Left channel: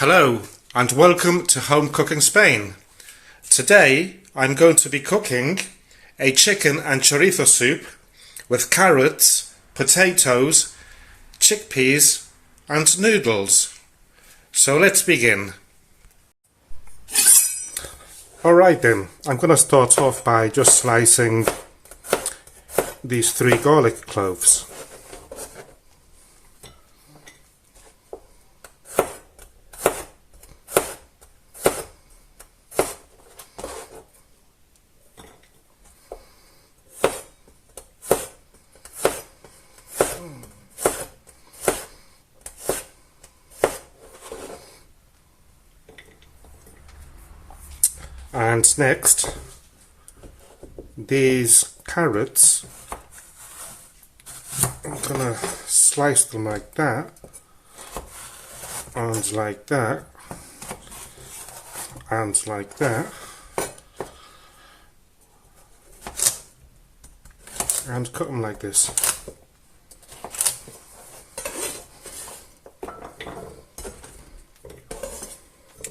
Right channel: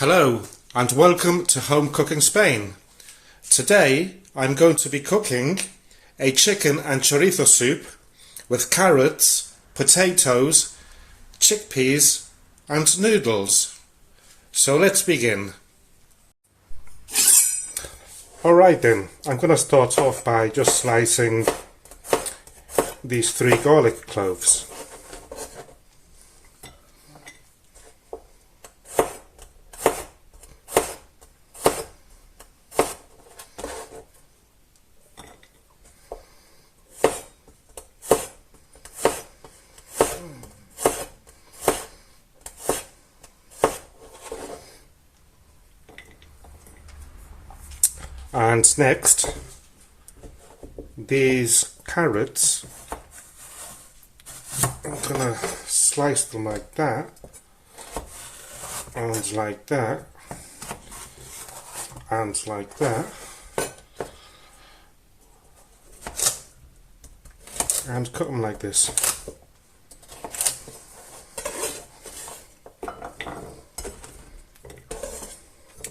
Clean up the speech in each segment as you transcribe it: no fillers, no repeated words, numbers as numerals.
Hello and welcome to Home Cooking Spain. Today I'm going to be cooking a chicken and chorizo soup with carrots, potatoes, chickpeas and noodles. So let's begin. Alright then, I'm going to start off by just slicing these 3 garlic cloves. And next, these carrots, I'm gonna slice them like that, and like that, and like that, and cut them like this.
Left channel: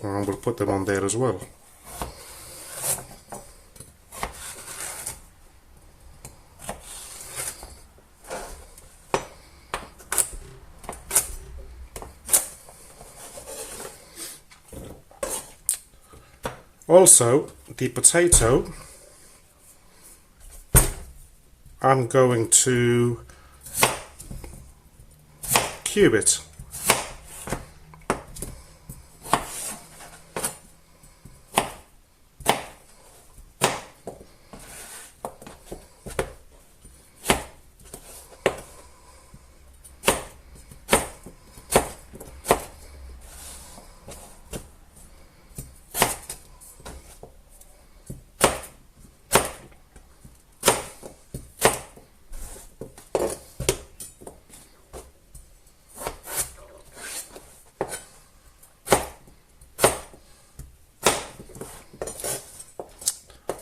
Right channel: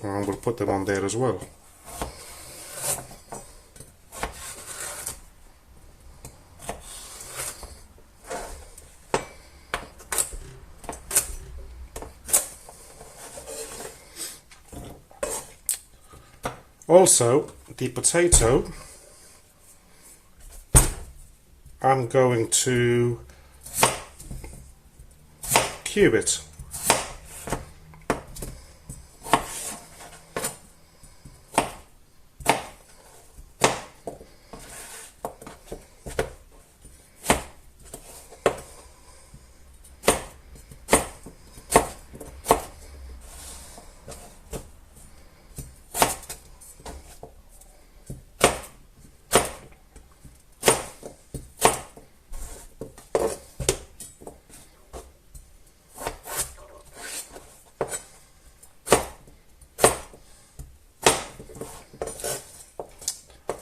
And we'll put them on there as well. Also, the potato, I'm going to cube it.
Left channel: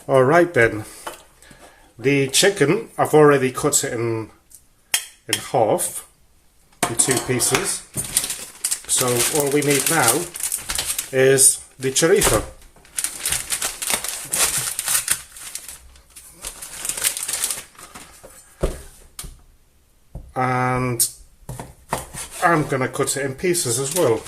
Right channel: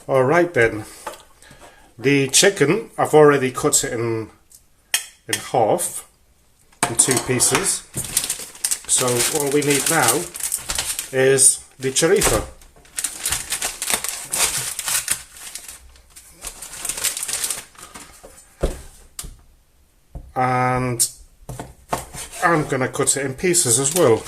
Alright then, the chicken, I've already cut it in half, in 2 pieces, so all we need now is the chorizo. And I'm going to cut it in pieces as well.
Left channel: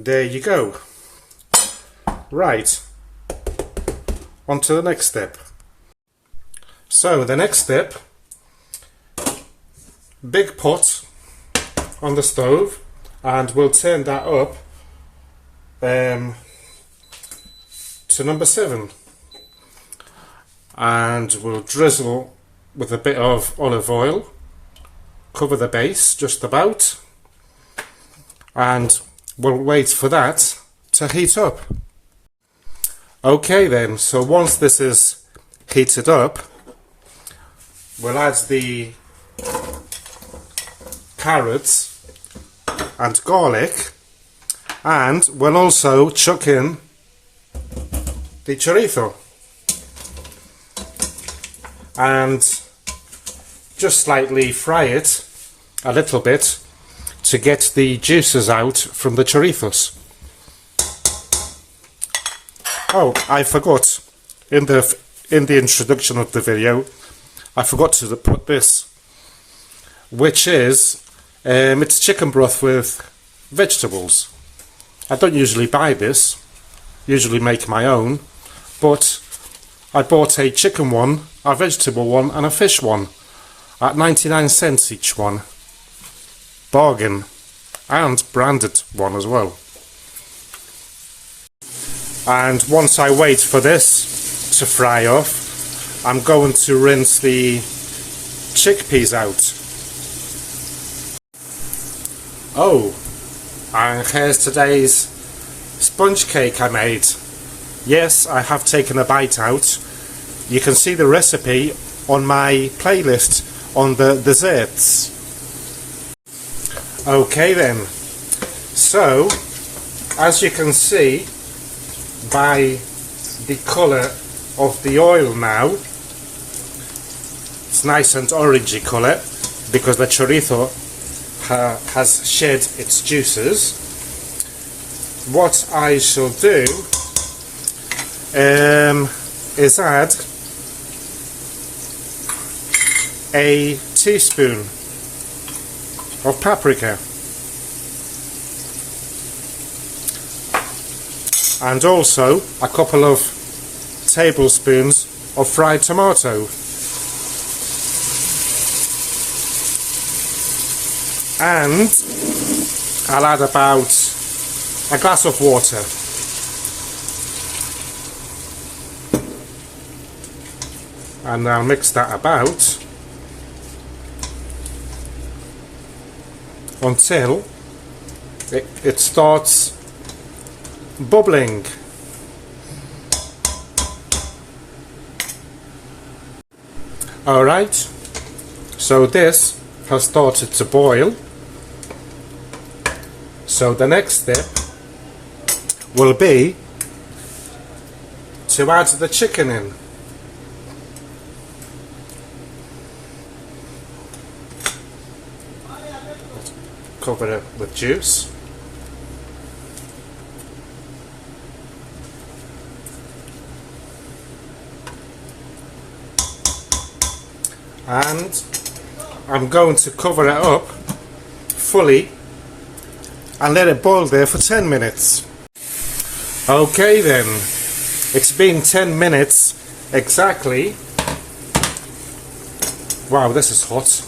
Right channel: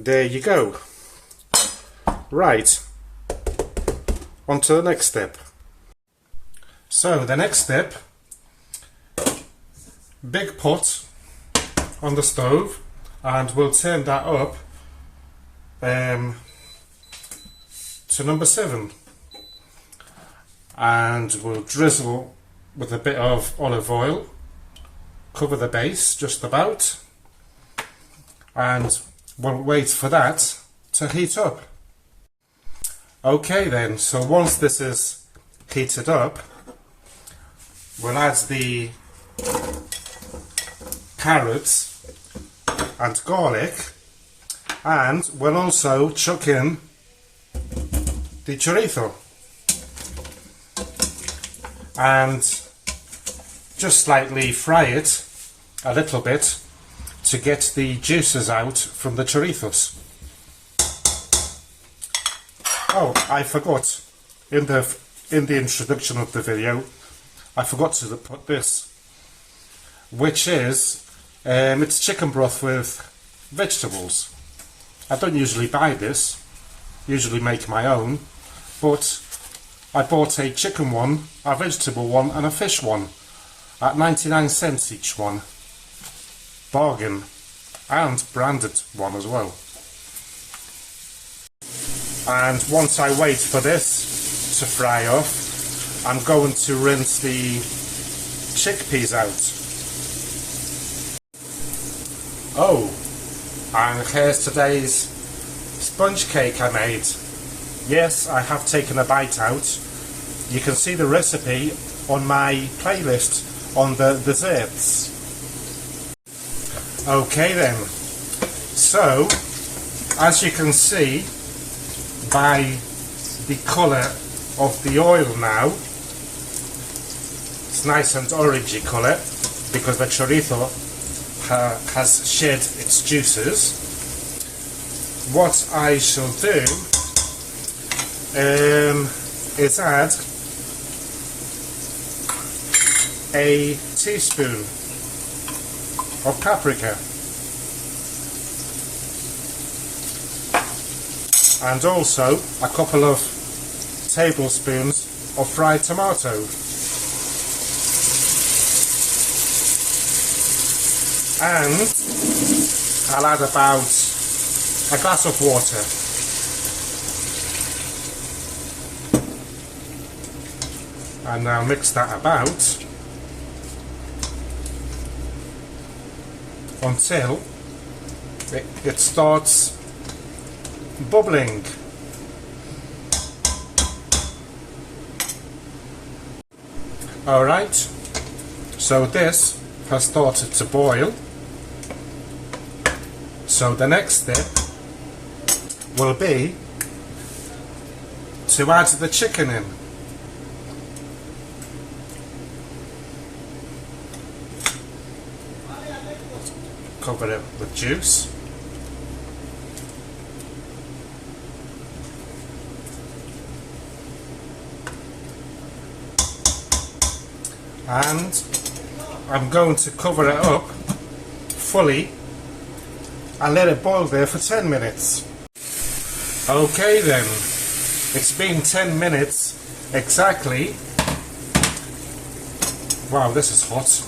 There you go. Right, on to the next step. So the next step, big pot on the stove, and we'll turn that up to number 7, and we'll drizzle with a bit of olive oil, cover the base just about, and we'll wait for that to heat up. Okay then, so once this is heated up, we'll add the carrots and garlic, and we'll also chuck in the chorizo and just slightly fry it a little bit to get the juices out from the chorizos. Oh, I forgot, in the introduction of the video, I forgot to put this, which is, it's chicken broth with vegetables. I don't usually buy this, usually make my own, but I bought a chicken one, a vegetable one and a fish one at 99 cents each one. Bargain, and branded one as well. And once I wait for this to fry off, I'm going to rinse the chickpeas out. Oh, and here's today's sponge cake I made. Yes, I have taken a bite out. You can see the recipe on my playlist on the desserts. Okay then, so as you can see by the colour of the oil now. It's nice and orangey colour because the chorizo has shed its juices. What I shall do is add a teaspoon of paprika and also a couple of tablespoons of fried tomato, and I'll add about a glass of water. And I'll mix that about until it starts bubbling. Alright, so this has started to boil. So the next step will be to add the chicken in. Cover it with juice. And I'm going to cover it up fully and let it boil there for 10 minutes. Okay then, it's been 10 minutes exactly. Wow, this is hot.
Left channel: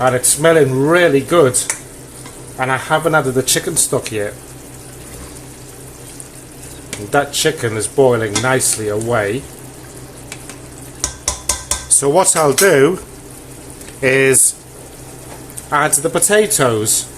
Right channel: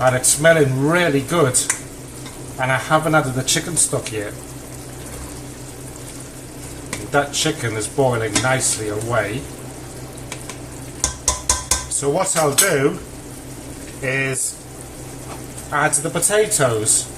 And it's smelling really good. And I haven't added the chicken stock yet. That chicken is boiling nicely away. So what I'll do is add the potatoes.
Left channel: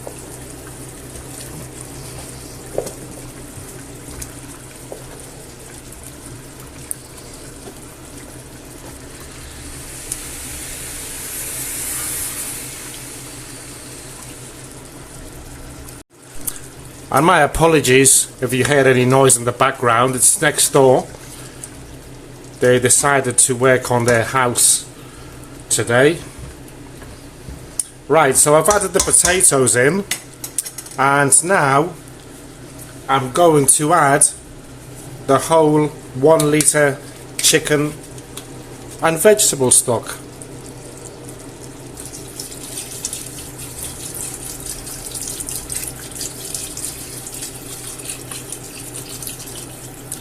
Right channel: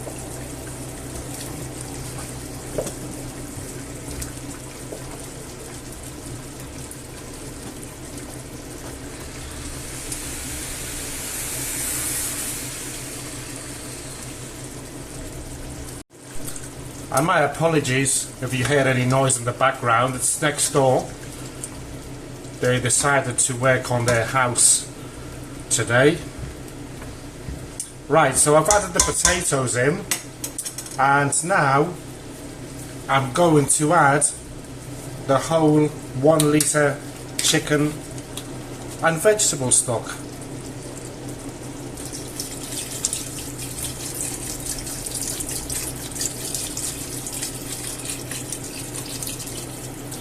And my apologies if you hear any noise in the background, it's next door. They decided to work on their house today. Right, so I've added the potatoes in, and now I'm going to add the whole 1 litre chicken and vegetable stock.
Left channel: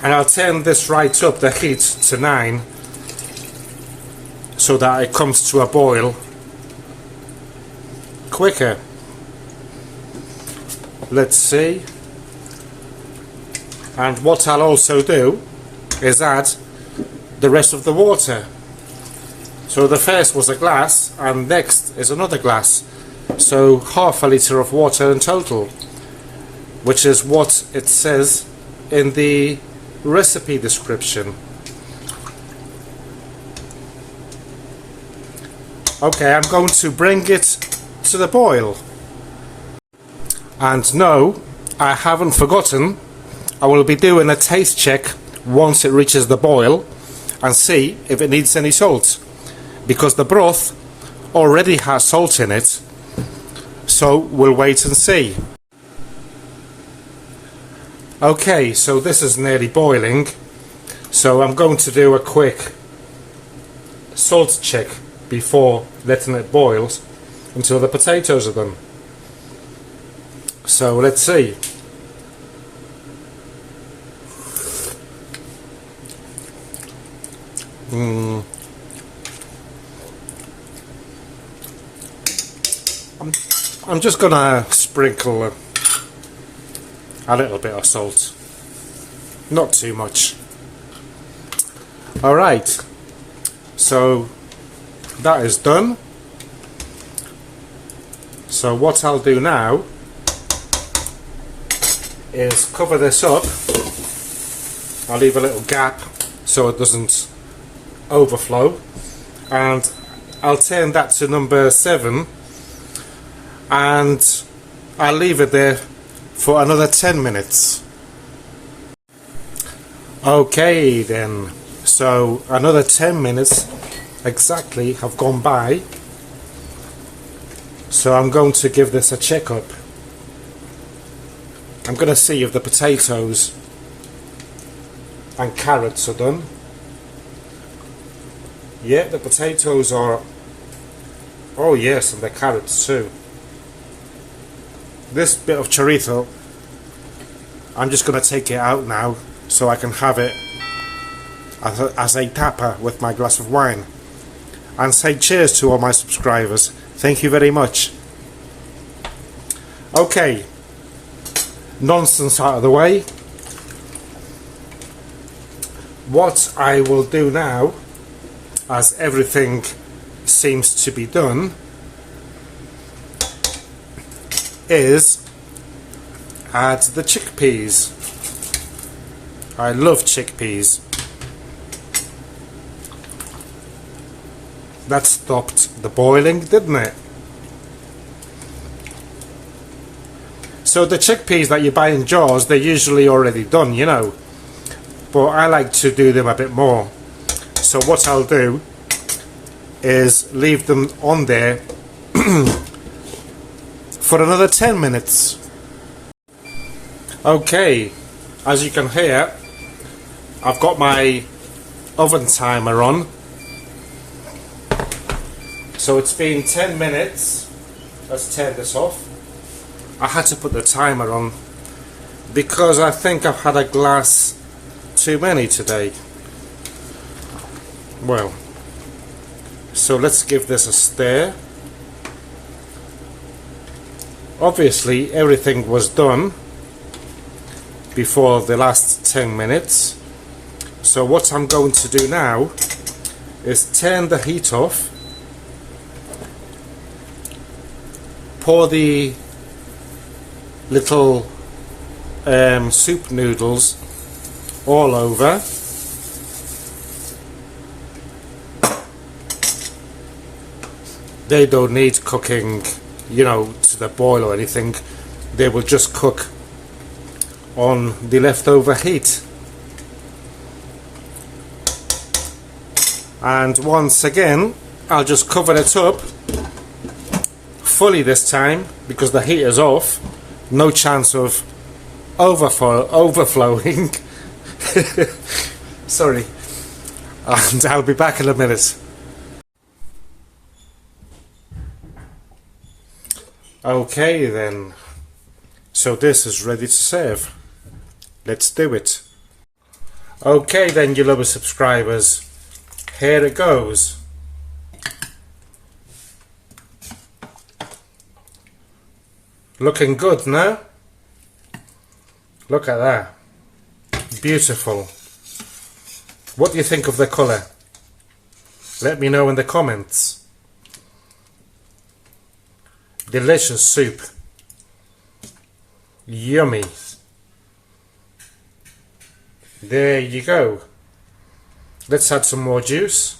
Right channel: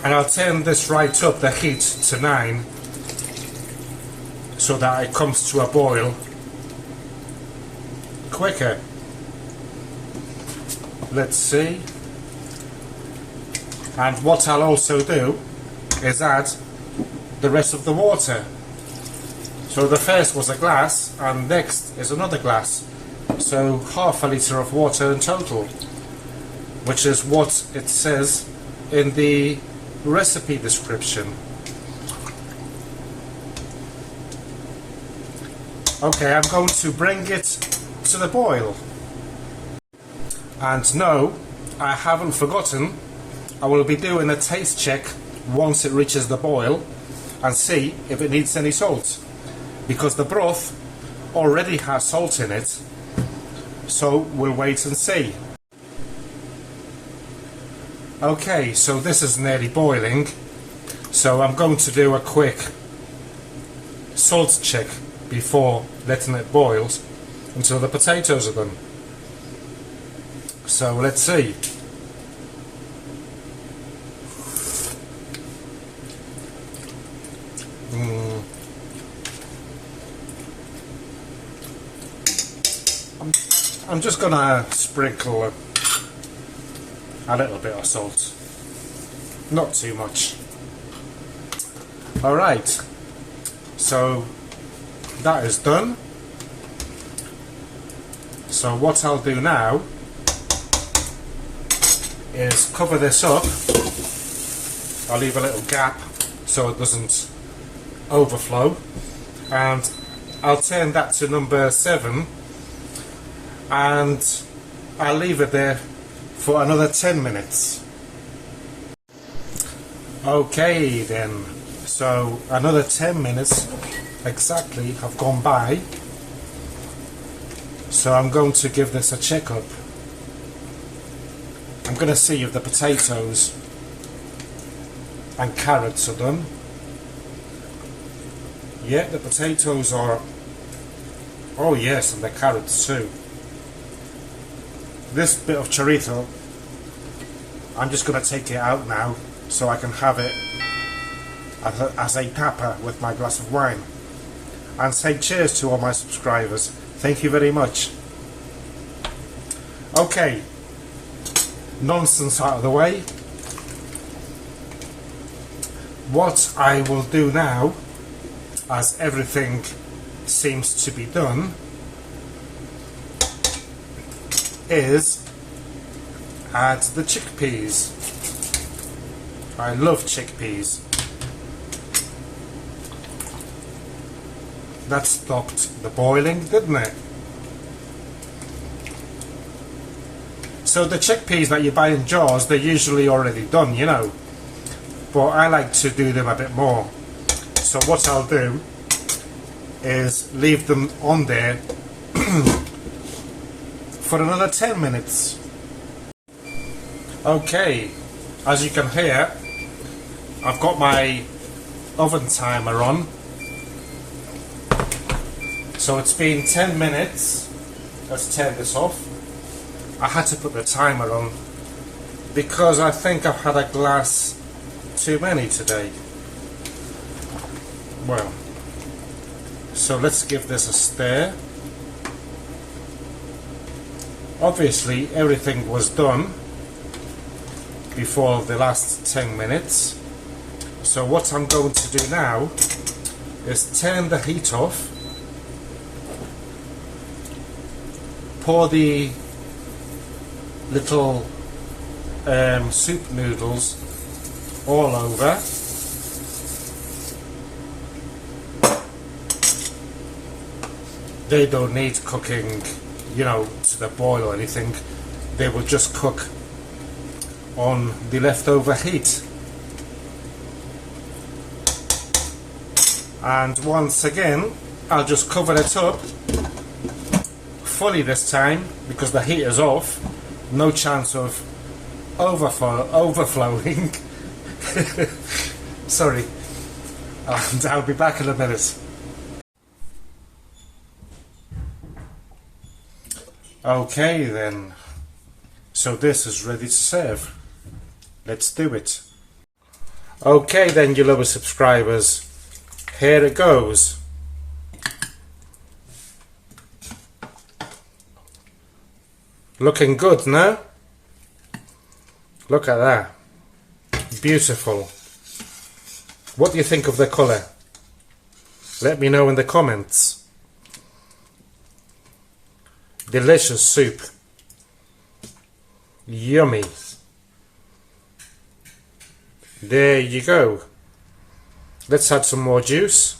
And I'll turn this right up, the heat, to 9, so that it comes to a boil quicker. Let's see. And what I'll also do is add the rest of the water. So the first was a glass, and next is another glass. So half a litre of water in total, which is what it says in the recipe description. Okay, I'm going to bring it to the boil. And no, I haven't forgotten, I will be doing a taste check once it reaches the boil and see if it needs any salt, because the broth already has salt in it, so we'll wait and see. Okay, so this is nearly boiling, so I'm going to do a quick salt check before letting it boil until the potatoes are done. So let's see. I'm just gonna sprinkle a little bit of salt, not too much. Alright, so that is done. So what I'll do now is cover this up. I'll leave a little gap so it doesn't overflow, and I'll turn that to number 7, and I'll leave it there for another 10 minutes. Okay then, so another 10 minutes exactly have gone by, so I'm going to give this a check up. I'm going to see if the potatoes and carrots are done. Yeah, the potatoes are, oh yes, and the carrots too. This bit of chorizo, I'm just going to take it out now so I can have it as a tapa with my glass of wine, and say cheers to all my subscribers. Thank you very much. Okay, nonsense out of the way. What I will do now, as everything seems to be done, is add the chickpeas. I love chickpeas. That stopped the boiling, didn't it? So the chickpeas that you buy in jars, they're usually already done, you know, but I like to do them a bit more. So what I'll do is leave them on there for another 10 minutes. Okay, as you can hear, I've got my oven timer on. So it's been 10 minutes. Let's turn this off. I had to put the timer on because I think I've had a glass too many today. Well, so let's give this a stir. Obviously everything was done before the last 10 minutes. So what I'm going to do now is turn the heat off, pour the little soup noodles all over. They don't need cooking, you know, to the boil or anything. They will just cook on the leftover heat. And once again, I'll just cover it up fully this time because the heat is off. No chance of overflowing. Sorry. And I'll be back in a minute. Okay then. So this is ready to serve. Let's do it. Okay then, you lovely subscribers. Here it goes. Looking good, no? Look at that. Beautiful. What do you think of the colour? Let me know in the comments. Delicious soup. Yummy. There you go. Let's add some more juice.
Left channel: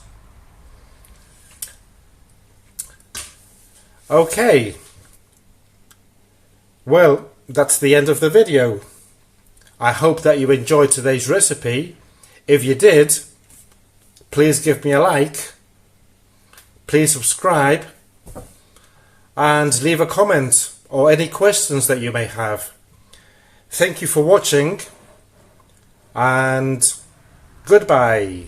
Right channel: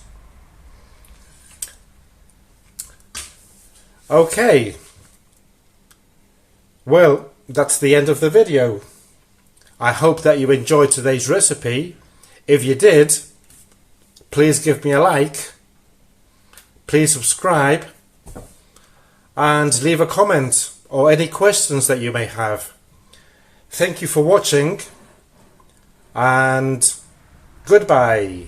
Okay. Well, that's the end of the video. I hope that you enjoyed today's recipe. If you did, please give me a like. Please subscribe. And leave a comment or any questions that you may have. Thank you for watching. And goodbye.